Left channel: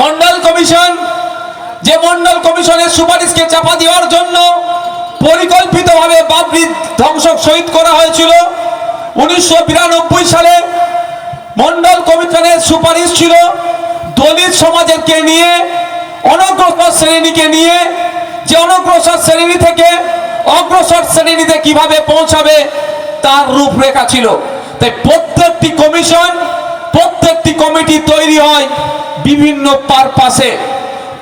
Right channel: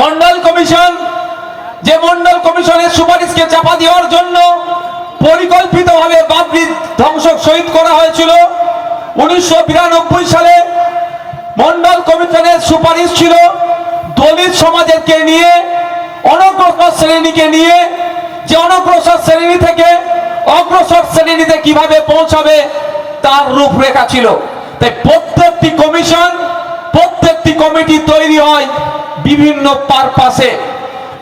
Mondal commission, যে মন্ডল কমিশনের সুপারিশকে চাপা দেওয়ার জন্য পরিকল্পিতভাবে বাবরি ধ্বংস শহীদ করা হয়েছিল 1992 সালে। মন্ডল কমিশনের সুপারিশ ছিল দলিত সমাজকে নিয়ে, অনগ্রসর শ্রেণীকে নিয়ে, যে অনগ্রসর শ্রেণী থেকে অগ্রসর শ্রেণীতে কিভাবে পৌঁছাবে তার রূপরেখা ছিল। তাই প্রত্যেকটি কমিশন, প্রত্যেকটি কমিটি তৈরি হয় বিভিন্ন পারপাসে।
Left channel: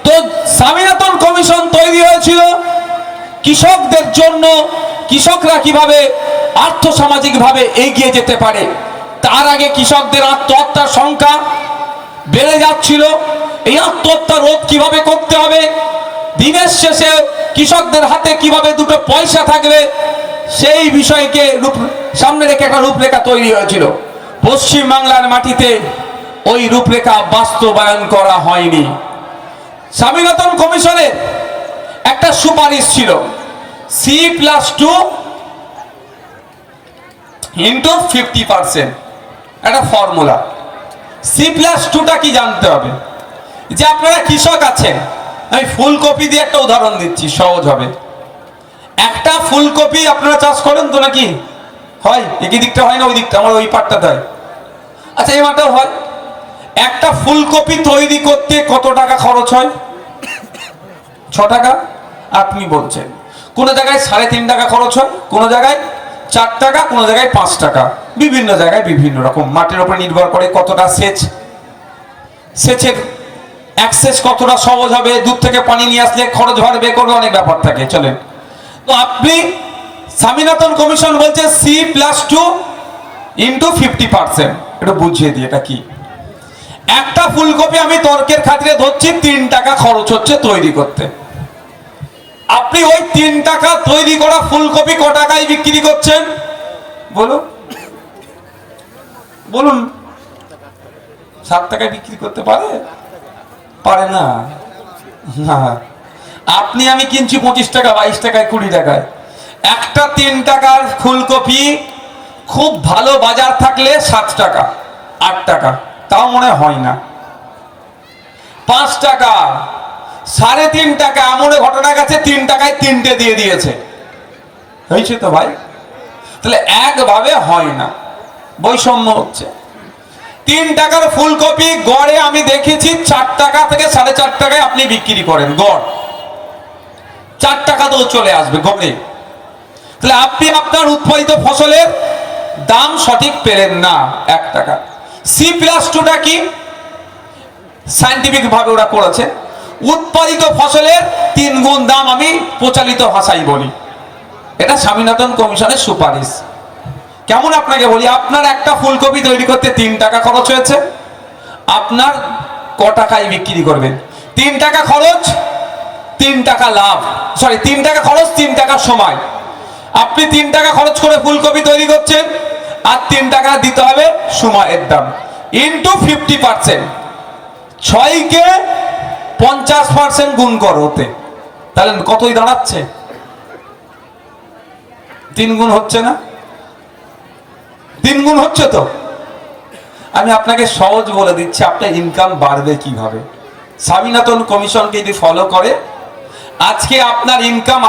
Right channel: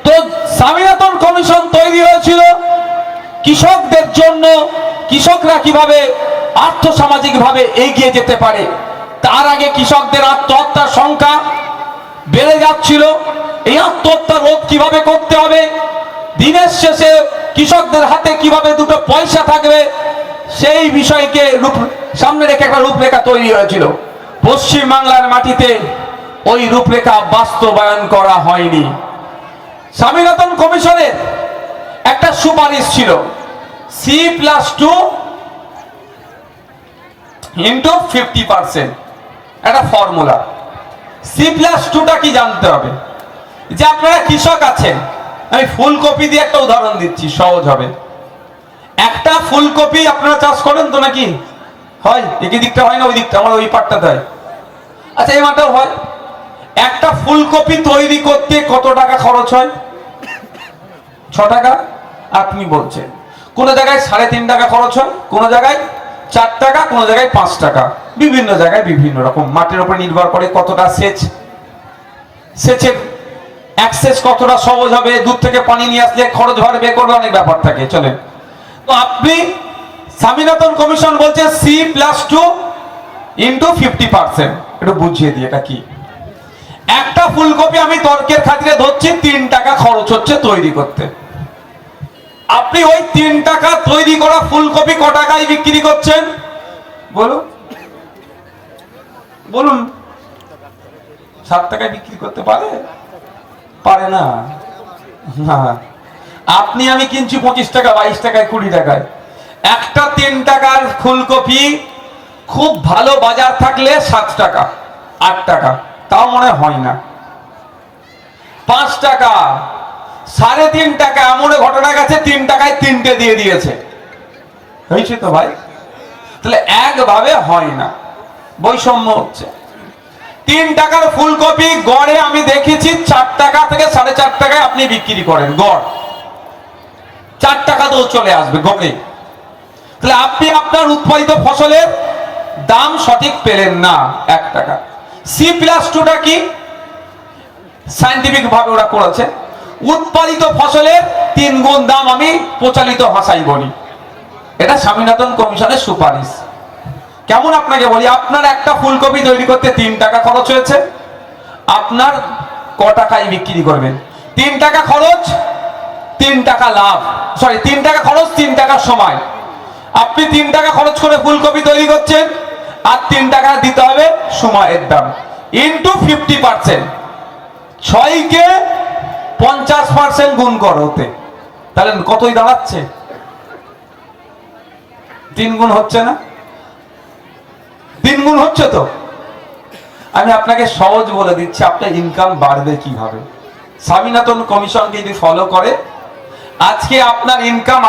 তো স্বামীনাথন কমিশন তৈরি হয়েছিল কৃষকদের জন্য, কৃষকরা কিভাবে আর্থসামাজিক ভাবে এগিয়ে যেতে পারে। তার আগে কৃষকদের আত্মহত্যার সংখ্যা বেড়ে যাচ্ছিল, এই আত্মহত্যা রোধ কিভাবে করতে হবে, দিনের শেষে কৃষকদের হাতে কিভাবে দুটো পয়সা থাকবে, সেই বিষয়কে সামনে রেখে একটা রূপরেখা তৈরি হয়েছিল। পশ্চিম বাংলার মাটিতে ওই রূপরেখা বাস্তবায়ন করা হয়নি। স্বামীনাথন কমিশনের একটা সুপারিশ ছিল C+2 ইন্টু 50%, একটা ফর্মুলা। C+2টা কি জানতে হবে, যে আপনারা কৃষক আছেন, আমি ফুলকপি দিয়ে একটা উদাহরণ দিচ্ছি, সহজ হবে। একটা ফুলকপি আপনারা চাষ করেন তো নাকি? হয়, একই দিকটা হয় না, ওই দিকটা আমার ওই পাটটাতে হয়। আচ্ছা, এই মাটাও হয়। একটা ফুলকপি তৈরি করতে কত টাকা খরচ হয়? 6 টাকা। আপনি বলছেন কোন জায়গায় 3.5 টাকা খরচ হয়, কোন জায়গায় 4 টাকা, কোন জায়গায় 5 টাকা, বিভিন্ন জায়গায় বিভিন্ন রকম। মাটির উপর নির্ভর করে কতটা সেচের অ্যাক্সেস কতটা সহজ হবে, দূর থেকে পানি নিয়ে আসলে খরচ বাড়বে, করবে, অনেক ব্যাপার থাকে। চলেন, তো আপনি স্বামীনাথন কমিশন বলছে C+2 ইন্টু 50%, একটু বুঝিয়ে দিই এটা কি। একটা ফুলকপি আমি তর্কের খাতিরে ধরছি 3 টাকা খরচ হচ্ছে তৈরি করতে। আপনি ওই 3 টাকা তৈরি করা ফুলকপি ক টাকায় বিক্রি করছেন বলুন? বলুন, 7 টাকায় বিক্রি করতে পারে? পারে না। আপনি আমি কিনছি 25 টাকা, 22 টাকায়, 20 টাকায়। একটা 3 টাকার ফুলকপি খুব ভালো বাজার থাকলে 7 টাকা, 8 টাকা, তাও মনে হয় না। 5 টাকা, 3.5 টাকা, এমন ঘটনা গেছে 3 টাকায় 3টে দিয়ে দিয়েছে। হয়েছে তো ভাই? তাহলে একভাবে হয় না, বৈষম্য হচ্ছে। 3 টাকার ফুলকপি গড়ে আমি দেখেছি 4 টাকা থেকে 4.5 টাকায় আপনি বিক্রি করেন, গড় 4 টাকাতেও চলে আসবে গড়ে। তাহলে আপনি আপনার উৎপাদিত ফসলের দাম সঠিক পেলেন না, 1 টাকা। C+2টা কি? সায়েন্টিফিক ভাবে ওরা করেছে, উৎপাদিত ফসলের 3 গুণ দাম, আমি প্রচলিত ভাষায় বলি। এটা স্বামীনাথন কমিশনের সুপারিশ। কেমন আপনাকে বলি, আপনার একটা ফুলকপি তৈরি করতে 3 টাকা খরচ হয়েছে, আপনার ক টাকায় বিক্রি করবেন? 3 টাকা খরচ, 3 টাকা লাভ, সরি 3 টাকা খরচ, 3 টাকা সময়। আপনি 3 টাকা খরচ করে ফুলকপি তৈরি করছেন, আর 3 টাকা দিতে হবে সময়ের দাম, ইন্টু 50%। 6 কে 50% গুণ করো ওতে, তাহলে কতই দাঁড়াচ্ছে? 3 গুণ হচ্ছে না? 3 গুণ হচ্ছে তো। আমি আপনাকে সহজ বলে দিচ্ছি, আপনার ইনকাম বাড়বে কিভাবে। স্বামীনাথন কমিশনকে যদি ফলো করে, আজকে আপনার ইনকাম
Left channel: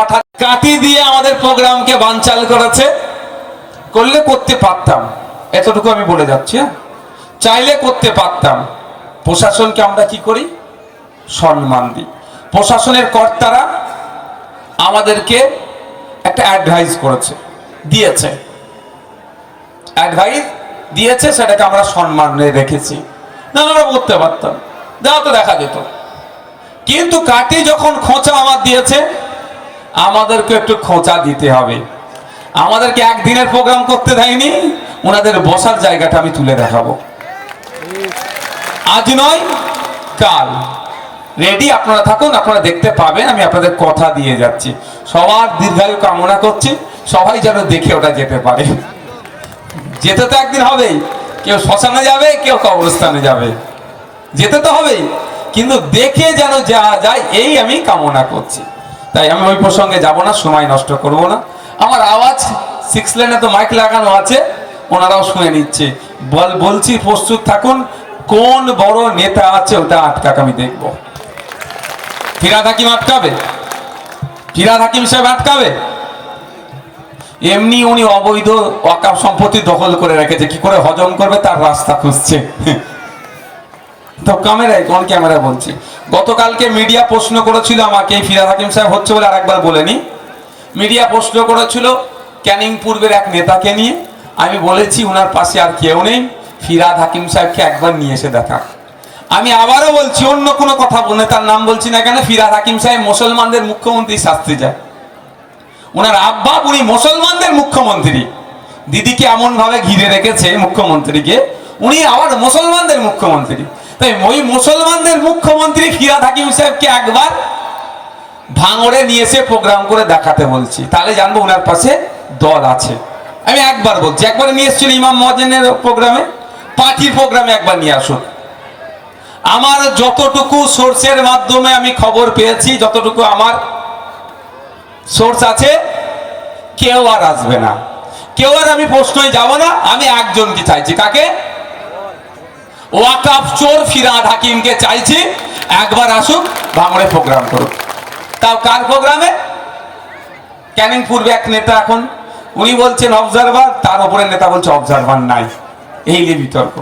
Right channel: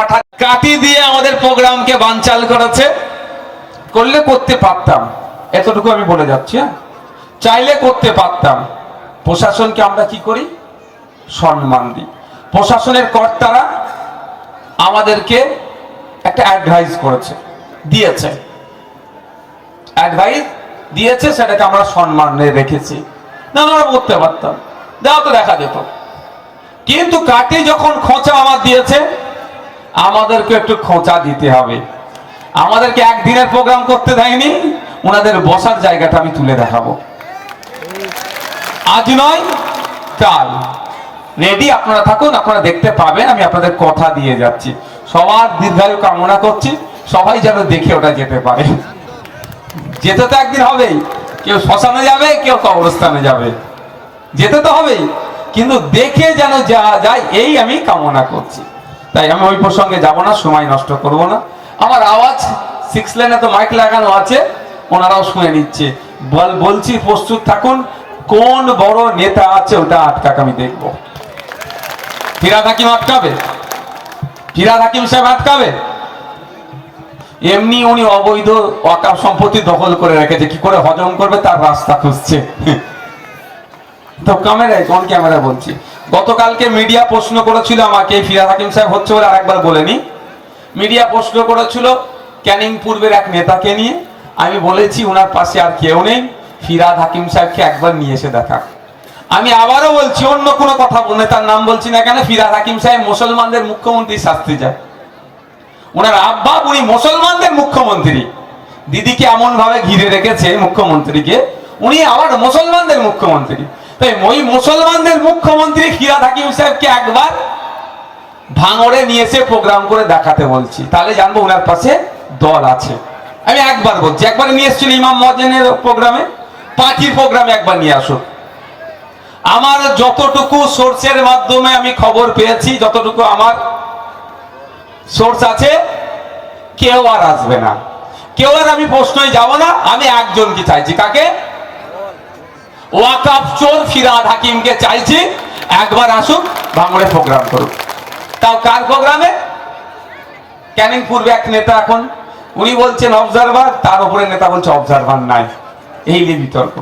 কাটি দিয়ে আমাদের প্রোগ্রামকে বানচাল করেছে। করলে করতে পারতাম, এতটুকু আমি বলে যাচ্ছি। চাইলে করতে পারতাম। প্রশাসনকে আমরা কি করি? সম্মান দিই। প্রশাসনের কর্তারা আমাদেরকে একটা অ্যাডভাইস করেছে, দিয়েছে, অ্যাডভাইস দিয়েছে, সেটাকে আমরা সম্মানে রেখেছি। না আমরা করতে পারতাম, দেওয়া তো দেখা যেত। কিন্তু কাটি যখন খোঁচা আমার দিয়েছে, আমাদেরকে একটু খোঁচা দিতে হবে। আমাদেরকে একদিনের প্রোগ্রাম করতে দেয়নি, ওনাদের বসার জায়গাটা আমি তুলে দেখাবো। আজ নয় কাল রেডি, আপনারা থাকুন, আপনারা দেখতে পাবেন। আমি আপনাদের কথা দিয়ে যাচ্ছি, সবার দীর্ঘায়ু কামনা করছি, সবাই যেন দেখে ওটা যেতে পারে। যেতে তো একদিন হবেই, কেউ শ্মশানে যাবে, কেউ কবরস্থানে যাবে, যেতে তো হবেই, কিন্তু দেখে যেন যাওয়া যায়, এই আমি কামনা করছি। তাই আমি ওই প্রসঙ্গে যাব না, সময় নষ্ট করব না। আমার আওয়াজ 6 লেনে তো মাইক লাগানো আছে, ওনারাও শুনে নিচ্ছে। বলছি প্রস্তুত থাকুন, কোন বড় নেতা আছে ওটা আটকাক আমি দেখবো। ফিরহাদ হাকিম আটকাবে? ফিরহাদ হাকিম সাহেব আটকাবে? এমনি উনি অবৈধ ওয়াকফ সম্পত্তি দখল করে রেখেছে, কি করে হজম করবে তার রাস্তা খুঁজছে। তো ক্যামেরায় কোন ক্যামেরা বলছি, গতকালকে মিডিয়া প্রশ্ন করেছিল আমাকে, ফিরহাদ হাকিম সাহেব হচ্ছে বলে আরেকবার বলেনি, মিডিয়া প্রশ্ন করেছিল ক্যানিং পূর্বের এক নেতাকে নিয়ে। আমি বলেছি ওনার পাশে আর কেউ নেই, ফিরহাদ হাকিম সাহেবকে একবার নিয়ে এসে দেখা। আমি আবারও বলছি, অন্য কোনো কথা বলে তার নাম বলছি না কেন, ফিরহাদ হাকিম সাহেব মুসলমানদের মুখ্যমন্ত্রী শাস্তি যায়। ওনার আব্বা উনি মুসলমানদের মুখ্যমন্ত্রী, দিদিকে এমন ভাবে ঘিরে রেখেছে মুখ্যমন্ত্রীকে, উনি আবার মুসলমানদের মুখ্যমন্ত্রী। তাই ওই মুসলমানদের মুখ্যমন্ত্রী ফিরহাদ হাকিম সাহেবকে একবার ভাঙড়ে নিয়ে এসে প্রোগ্রাম করে দেখাতে বলছি, তাহলে জানবো ওনার পাশে দল আছে। আমি একবার বলছি, একবার নিয়ে এসেছিল ইমাম মুয়াজ্জিনের প্রোগ্রামে, পার্টির প্রোগ্রামে একবার নিয়ে আসুন। আমার যতটুকু সোর্সের মাধ্যমে আমি খবর পেয়েছি, যতটুকু আমার সোর্স আছে, কেউ আর আসবে না, কেউ আর আমি প্রশ্নই যাব না। আমি একজনকে চাইছি, কাকে? ওয়াকফ চোর ফিরহাদ হাকিমকে চাইছি একবার আসুক, ভাঙড়ে প্রোগ্রাম করুক। তাও কার প্রোগ্রামে? ক্যানিং পূর্বে এক নেতা, এখন উনি বলছেন অবজারভার, তার উপরে নেতা বলছে অবজারভার নাই, এই নিয়ে বিতর্ক।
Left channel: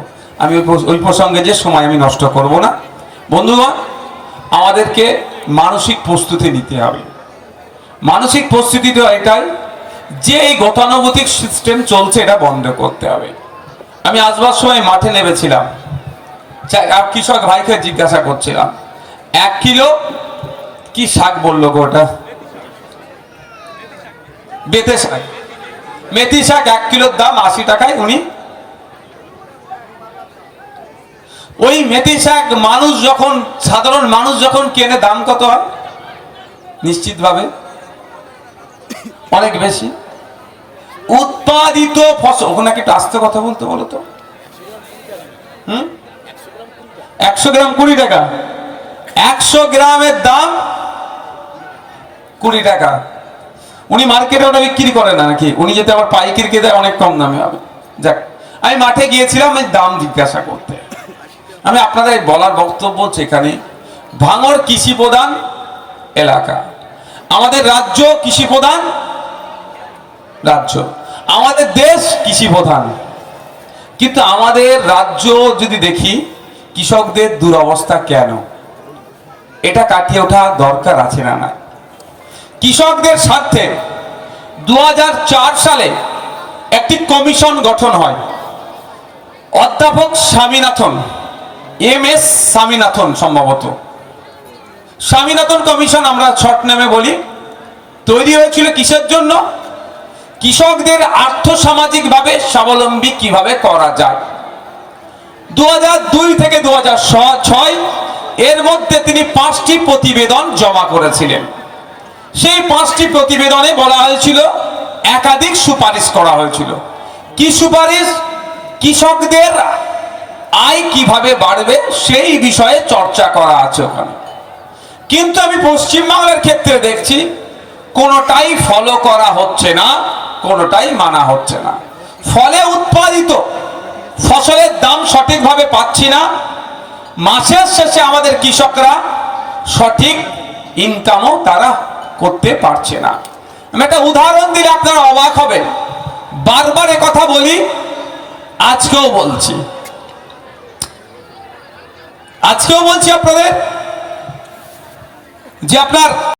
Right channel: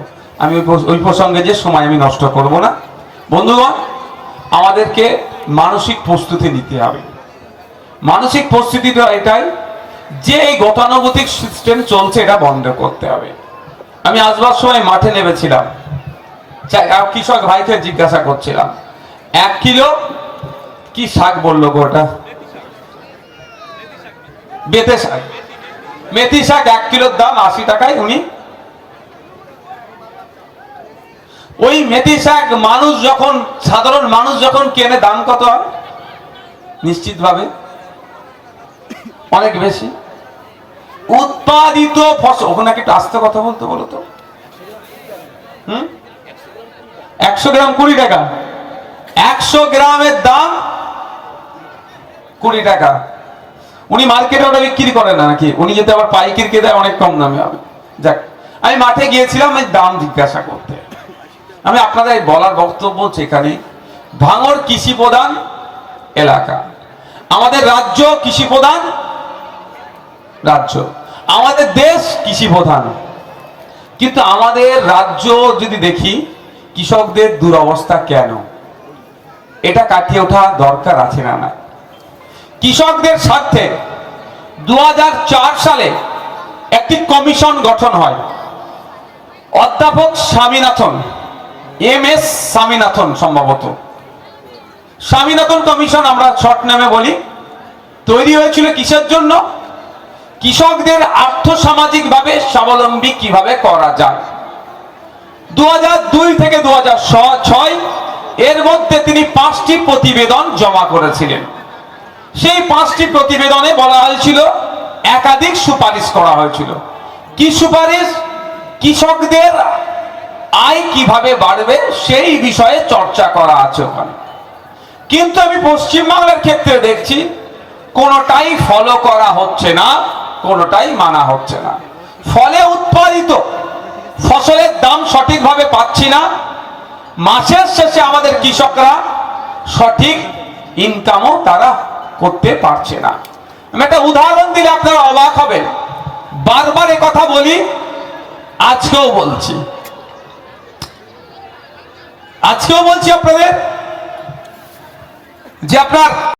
আমি ওই প্রসঙ্গে যে সময় আমি নষ্ট করব না। বন্ধুগণ, আমাদেরকে মানসিক প্রস্তুতি নিতে হবে। মানসিক প্রস্তুতিটা এটাই যে এই গতানুগতিক সিস্টেম চলছে, এটা বন্ধ করতে হবে। আমি আসবার সময় মাঠে নেমেছিলাম, কৃষক ভাইকে জিজ্ঞাসা করছিলাম 1 কিলো কি শাক বললো গো, ওটা বেতে শাক, মেথি শাক 1 কিলোর দাম 80 টাকায়। উনি ওই মেথি শাক মানুষ যখন, সাধারণ মানুষ যখন কেনে, দাম কত হয়? নিশ্চিতভাবে অনেক বেশি। উৎপাদিত ফসল, ওখানে একটু আস্তে কথা বলতে বলো তো। 100 গ্রাম 20 টাকা, 100 গ্রামের দাম 20 টাকা। উনি মার্কেটে ওটা বিক্রি করেন না নাকি? উনি যেতে আবার পাইকারিকে দেয় অনেক কম দামে হবে। যাক, আমি মাঠে গিয়েছিলাম এই দাম জিজ্ঞাসা করতে। আমি আপনাদের বলার বক্তব্য, সেখানে ভাঙড় কৃষি প্রধান এলাকা, আমাদের রাজ্য কৃষি প্রধান রাজ্য, আমাদের দেশ কৃষি প্রধান, কিন্তু আমাদের রাজ্য যদি দেখি কৃষকদের দুরবস্থা কেন, এটা কাটিয়ে ওঠা দরকার আছে না? না, কৃষকদের স্বার্থে 2004 সালে একটি কমিশন গঠন হয়। অধ্যাপক স্বামীনাথন, MS স্বামীনাথন, সম্ভবত স্বামীনাথন কমিশন আমরা শর্ট নামে বলি, তৈরি হয়েছিল কিসের জন্য? কৃষকদের আর্থসামাজিক ভাবে স্বাবলম্বী কিভাবে করা যায়। 2002 থেকে 2006 এর মধ্যে তিনি 5টি প্রতিবেদন জমা করেছিলেন। সেই 5টি প্রতিবেদনে বলা হয়েছিল, একাধিক সুপারিশ করা হয়েছিল। কি সুপারিশ? কৃষকদের আয় কিভাবে বাড়বে সেই বিষয়ে চর্চা করা আছে ওখানে। কিন্তু আমি পশ্চিমবাংলার ক্ষেত্রে দেখছি কোনোটাই ফলো করা হচ্ছে না, কোনোটাই মানা হচ্ছে না। ফলে উৎপাদিত ফসলের দাম সঠিকভাবে পাচ্ছি না, মাসের শেষে আমাদের কৃষকরা সঠিক ইনকামও তারা করতে পারছে না। আমি একটা উদাহরণ দিলে আপনারা অবাক হবেন, বারবার এ কথা বলি, আজকেও বলছি আপনাদের যে আপনার